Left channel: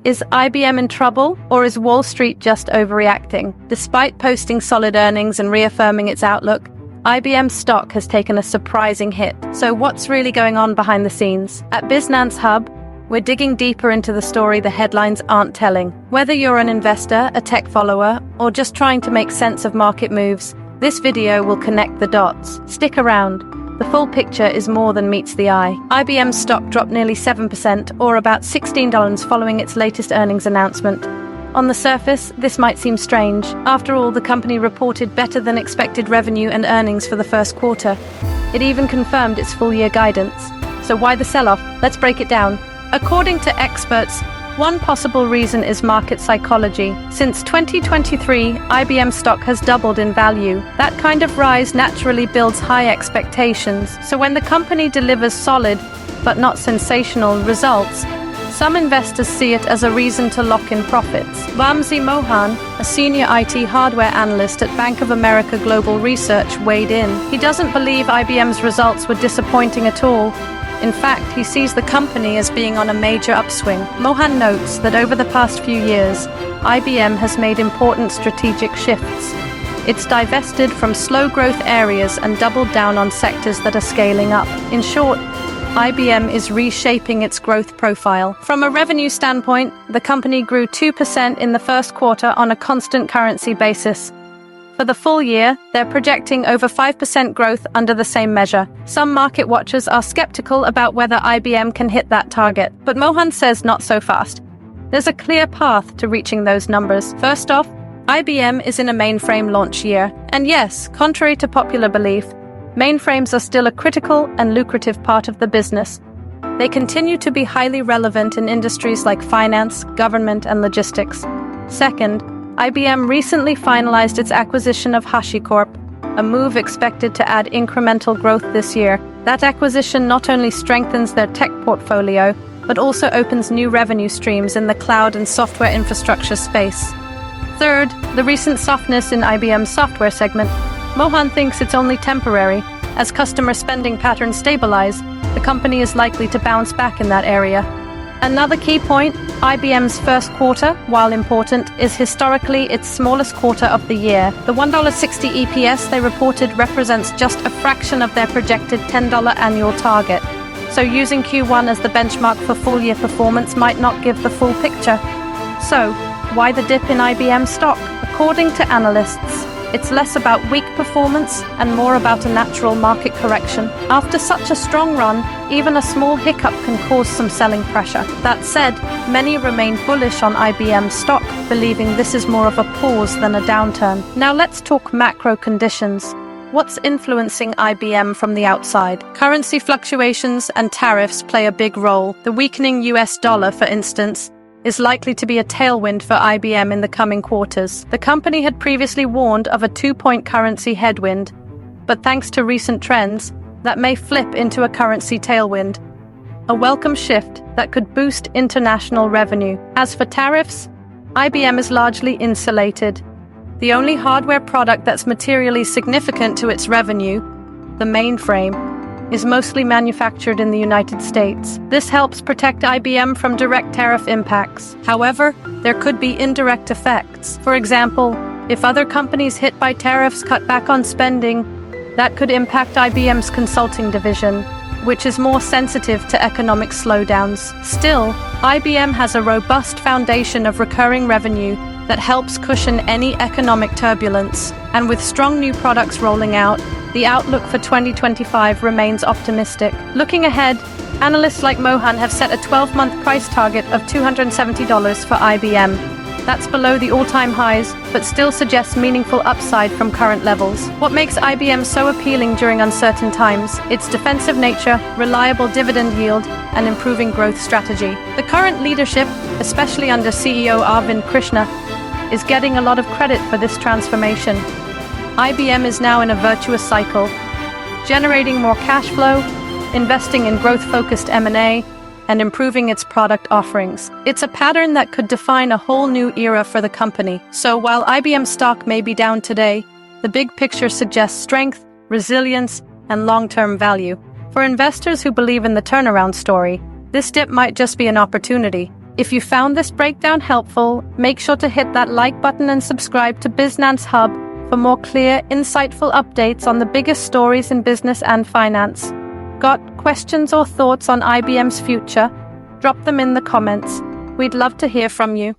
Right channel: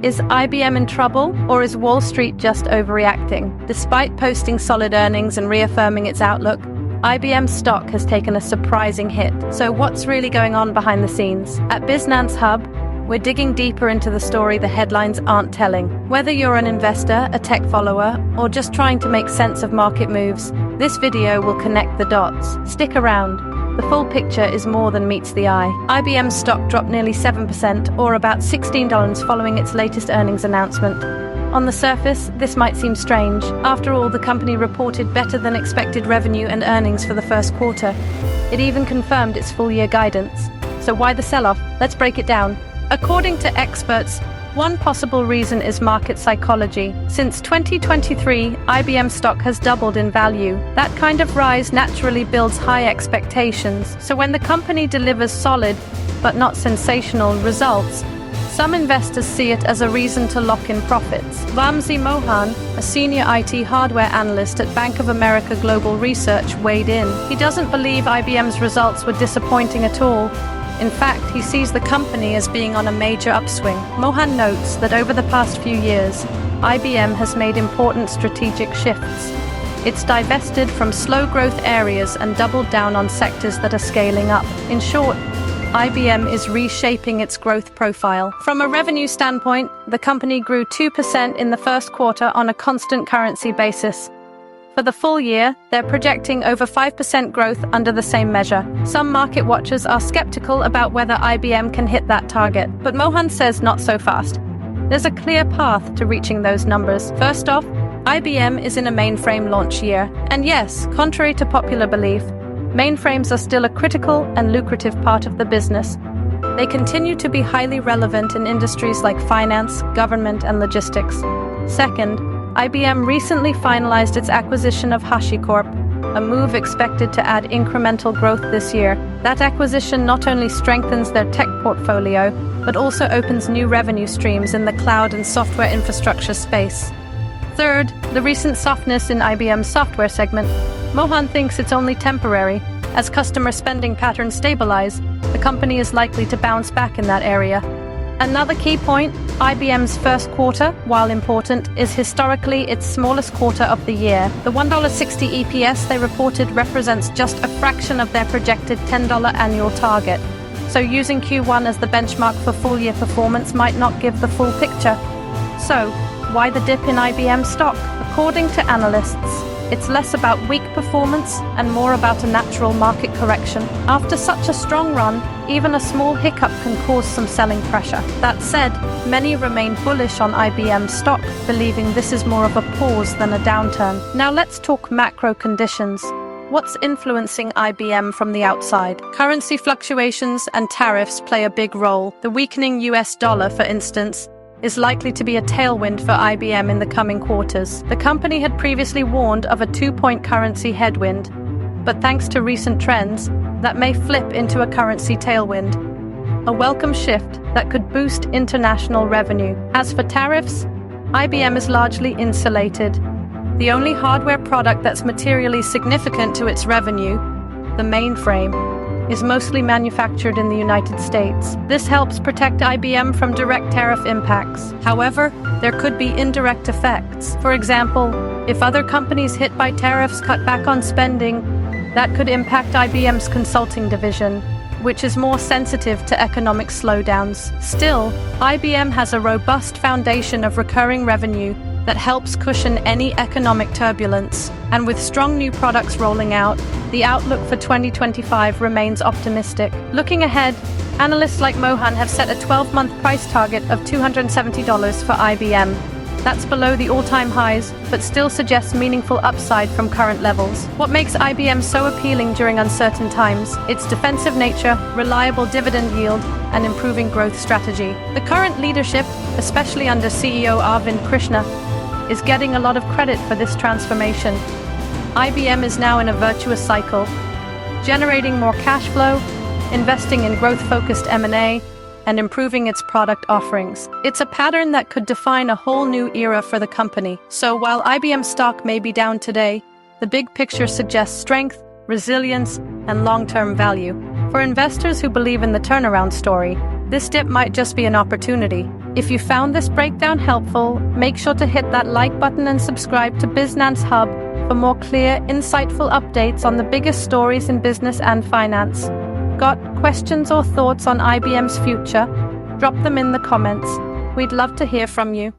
Is IBM in trouble, or is Wall Street just overreacting? Despite posting solid earnings and reaffirming its outlook, IBM stock has taken a surprising hit. So what's really going on behind the scenes? At BizNance Hub, we're digging deeper into the story the headlines aren't telling. Whether you're an investor, a tech follower, or just trying to make sense of market moves, this video will connect the dots. Stick around. The full picture is more than meets the eye. IBM's stock dropped nearly 7%, or about $16 following its latest earnings announcement. On the surface, this might seem strange. After all, the company reported better than expected revenue and earnings for the first quarter. It even confirmed its full-year guidance. So why the sell-off? Let's break it down. According to experts, one possible reason is market psychology. Since 2023, IBM stock has doubled in value. That kind of rise naturally builds high expectations. So when the company delivers solid, but not sensational results, some investors see it as a reason to lock in profits. Wamsi Mohan, a senior IT hardware analyst at Bank of America Global Research, weighed in. He doesn't believe IBM's results were disappointing at all. In fact, he sees the company as being on a major upswing. Mohan notes that over the past few years, IBM has made important strategic shifts. It's divested from slow-growth areas and doubled down on sectors that are scaling up. In short, IBM is reshaping its growth profile. From a revenue standpoint, the company grew 2% in the first quarter on a constant currency basis. For the full year, they're projecting over 5% growth under the same measure. Some market watchers are skeptical about whether IBM can hit that target, but Mohan says not so fast. There's a clear path to reaching those numbers. First off, IBM is in a mainframe launch year. And yes, contrary to popular belief, mainframes are still a critical and lucrative part of the business. They continue to be highly relevant in industries like finance, government, and logistics. Second, IBM recently finalized its acquisition of HashiCorp, a move expected to add incremental growth this year. That acquisition not only strengthens their tech portfolio, but also opens new revenue streams in the cloud and software infrastructure space. Third, the recent softness in IBM's software segment. Mohan thinks it's only temporary. As customer spending patterns stabilize, the company is likely to bounce back in that area. Another key point, IBM's first quarter, while important, is historically its smallest quarter of the year. The $1.60 EPS they reported represents just a fraction of their projected $10 annual target. So using Q1 as the benchmark for full-year performance might not give the full picture. So, why the dip in IBM stock? According to analysts, it's less about weak performance and more about a natural market correction. After such a strong run, even a small hiccup can cause some selling pressure. That said, many remain bullish on IBM stock, believing this is more of a pause than a downturn. Now let's talk macro conditions. What's influencing IBM from the outside? Currency fluctuations and tariffs play a big role. The weakening US dollar, for instance, is likely to be a tailwind for IBM in the coming quarters. The company had previously warned of a 2-point currency headwind, but thanks to recent trends, that may flip into a currency tailwind. A welcome shift that could boost international revenue. As for tariffs, IBM is largely insulated. The only hardware product that's materially significant to its revenue, the mainframe, is mostly manufactured in the United States. This helps protect IBM from direct tariff impacts. However, there could be indirect effects. For example, if other companies hit by tariffs cut back on spending, that could impact IBM's consulting division, which is more sensitive to economic slowdowns. Still, IBM has a robust foundation of recurring revenue that helps cushion any economic turbulence. And with strong new products rolling out, the outlook for 2025 remains optimistic. Looking ahead, analysts like Mohan have set a 12-month price target of $270 for IBM. That's below the all-time highs, but still suggests meaningful upside from current levels. What makes IBM so appealing during uncertain times? Its defensive nature, reliable dividend yield, and improving growth strategy. The current leadership, especially under CEO Arvind Krishna, is getting a lot of credit for this transformation. IBM is now in a virtuous cycle, generating more cash flow, investing in growth-focused M&A, and improving its product offerings. It's a pattern that could define a whole new era for the company. So while IBM stock may be down today, the big picture suggests strength, resilience, and long-term value. For investors who believe in the turnaround story, this dip might just be an opportunity. If you found this breakdown helpful, make sure to hit that like button and subscribe to BizNance Hub for more clear, insightful updates on the biggest stories in business and finance. Got questions or thoughts on IBM's future? Drop them in the comments. We'd love to hear from you.